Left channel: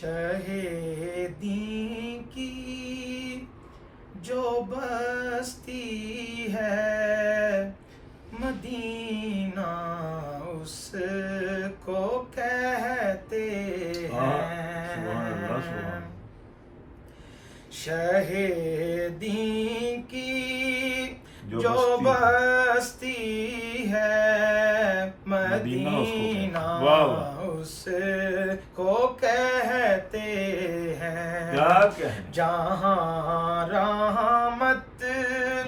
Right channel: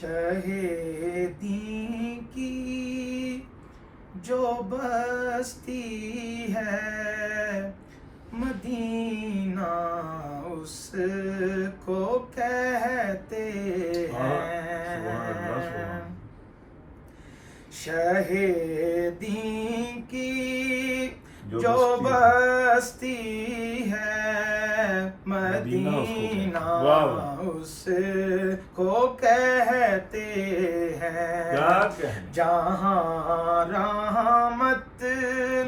شہیدی کی جو بستی ہے مدینہ اس کو کہتے ہیں. شہیدی کی جو بستی ہے مدینہ اس کو کہتے ہیں. جہاں رحمت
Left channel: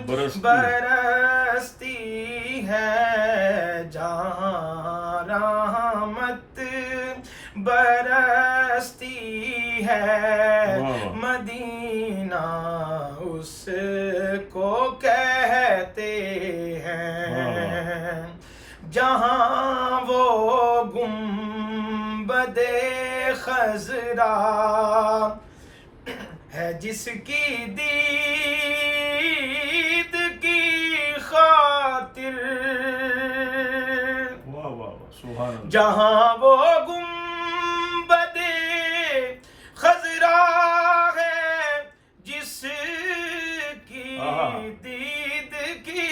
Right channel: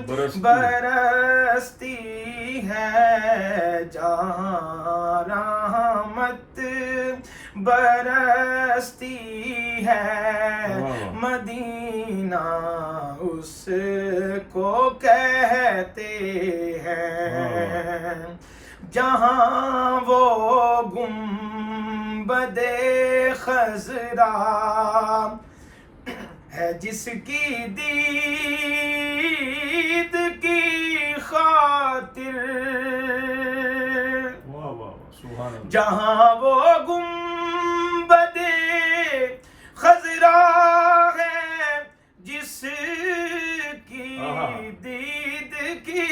برستی ہے جہاں رحمت برستی ہے مدینہ اس کو کہتے ہیں. جہاں وہ گنبد خضرا ہے جس کی دید کی خاطر جہاں وہ گنبد خضرا ہے جس کی دید کی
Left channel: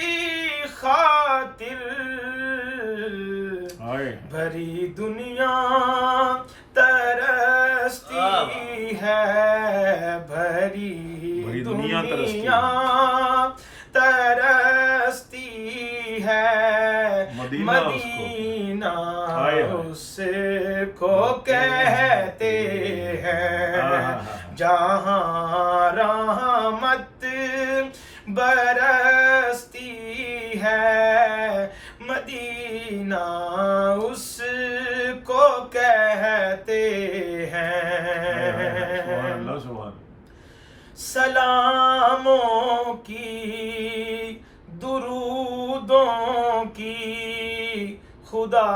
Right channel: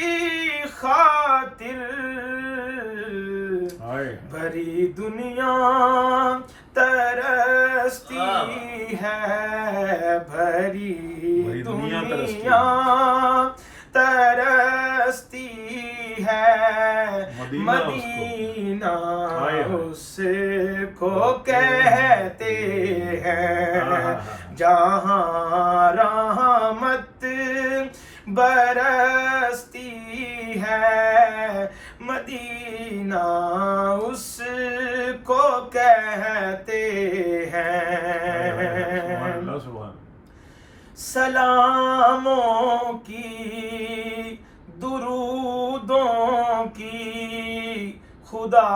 خاطر بھری دنیا ترستی ہے بھری دنیا ترستی ہے مدینہ اس کو کہتے ہیں. جہاں رحمت برستی ہے مدینہ اس کو کہتے ہیں. سلاموں کی درودوں کی خدا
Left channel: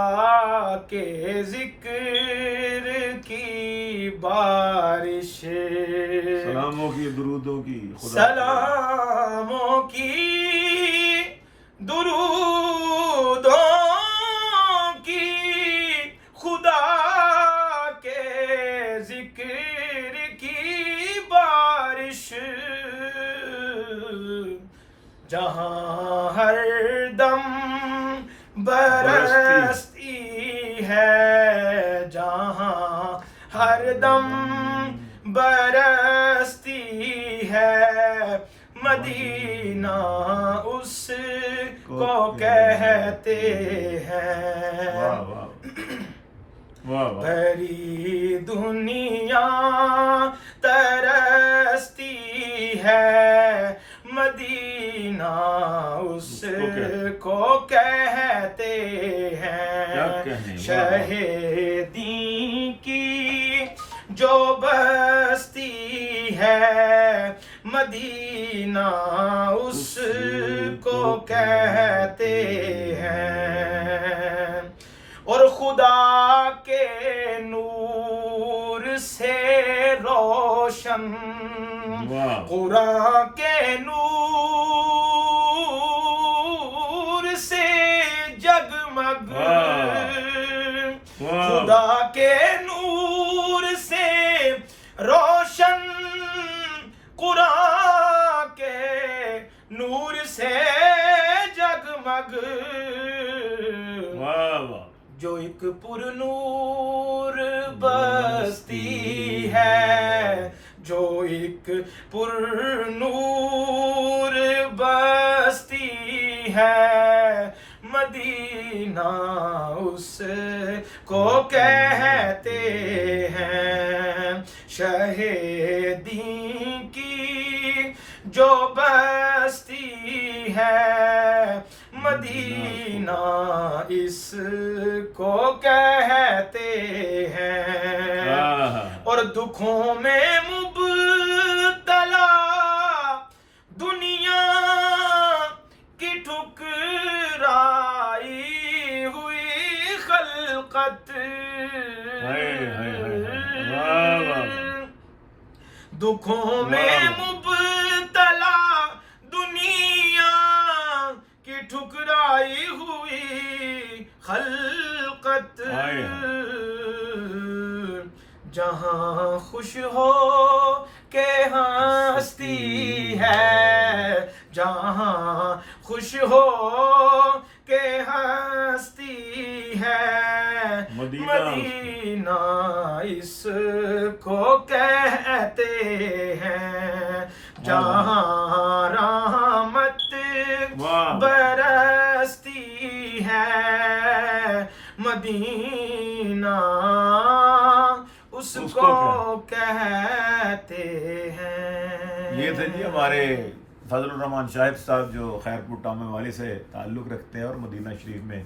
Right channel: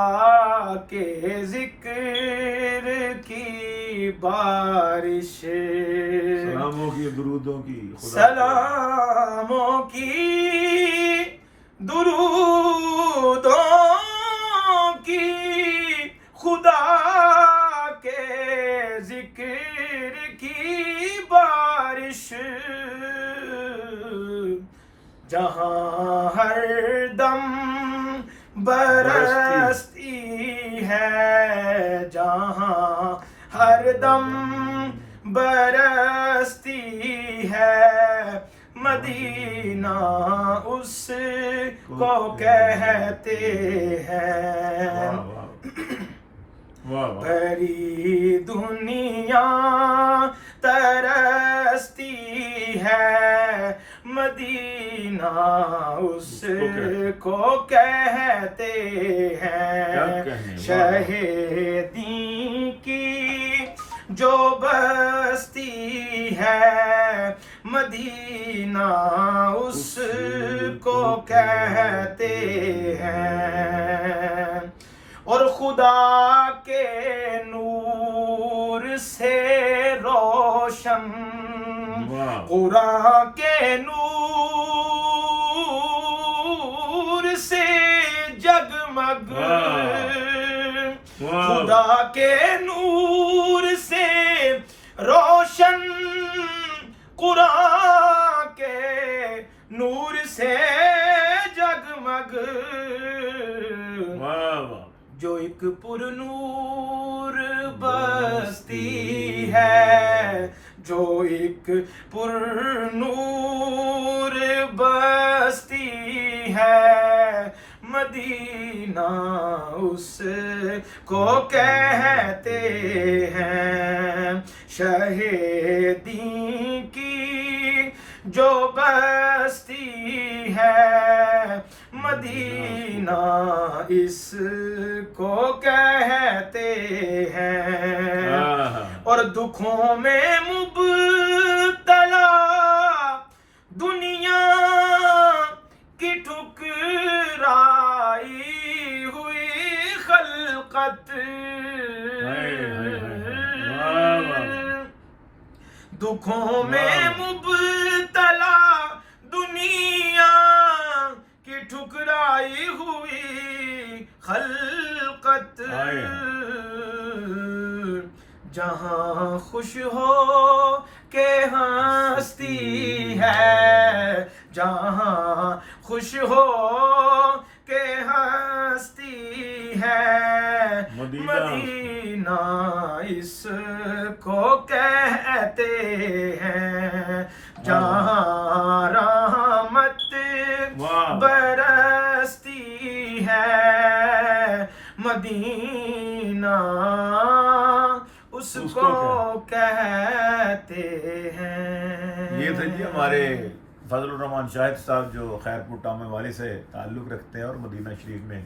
کے ذکر کی بارش سلاموں کی درودوں کی سلاموں کی درودوں کی خدا کے ذکر کی بارش جہاں ہر دم برستی ہے جہاں ہر دم برستی ہے مدینہ اس کو کہتے ہیں. بھری دنیا ترستی ہے مدینہ اس کو کہتے ہیں. شہیدی کی جو بستی ہے مدینہ اس کو کہتے ہیں. اور خدا کے نور سے روشن قرآن کے نور سے جگمگ خدا کے نور سے روشن قرآن کے نور سے جگمگ جو ایک پر نور بستی ہے جو ایک پر نور بستی ہے مدینہ اس کو کہتے ہیں. شہیدی کی جو بستی ہے مدینہ اس کو کہتے ہیں. اور دکھوں میں مبتلا دنیا کی ٹھکرائی ہوئی خلقت دکھوں میں مبتلا دنیا کی ٹھکرائی ہوئی خلقت جہاں خوش ہو کہ ہستی ہے، جہاں خوش ہو کہ ہستی ہے، مدینہ اس کو کہتے ہیں، جہاں رحمت برستی ہے، مدینہ اس کو کہتے ہیں۔ یہ تھے جی ہمارے فضل الرحمان شاہد صاحب جو خیرپور ٹامے والی سے تعلق رکھتے ہیں اور مدینہ شریف میں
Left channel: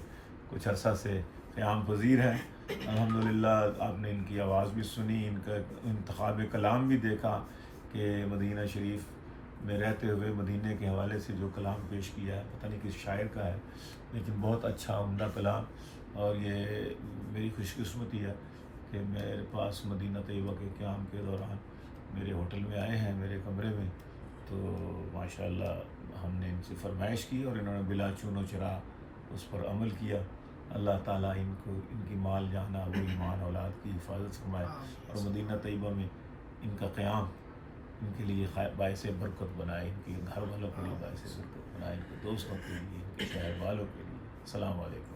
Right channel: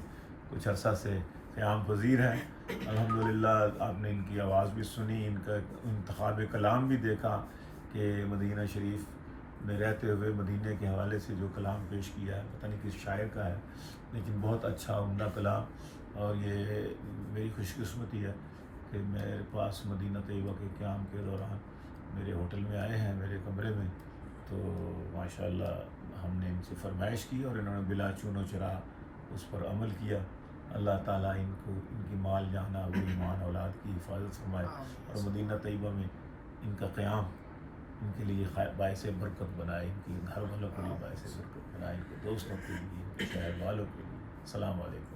کچھ عرصہ سے قیام پذیر ہیں۔ الحمدللہ آپ نے ان کی آواز بھی سنی، ان کا انتخاب کلام بھی دیکھا کہ مدینہ شریف میں رہتے ہوئے مدینے کے حوالے سے جو کلام پیش کیا ہے، پتہ نہیں کس شاعر کا ہے، لیکن بہت اچھا عمدہ کلام۔ اور یہ میری خوش قسمتی ہے کہ میرے پاس مدینہ طیبہ کے قیام کے دوران میرے ہوٹل میں آئے ہیں، میرے کمرے میں، تو ماشاءاللہ ہم نے ان سے فرمائش کی اور انہوں نے بلا چون و چرا اس پر عمل کیا۔ اللہ تعالیٰ ان کو، ان کی مال جانا و ایمان اولاد کی حفاظت فرمائے، اور مدینہ طیبہ میں ان کا قیام ان کے لیے باعث برکت بنائے، ان کی گھر والوں کے لیے باعث برکت بنائے، ان کے دوستوں کے لیے، ان کے شہر والوں کے لیے۔ السلام علیکم۔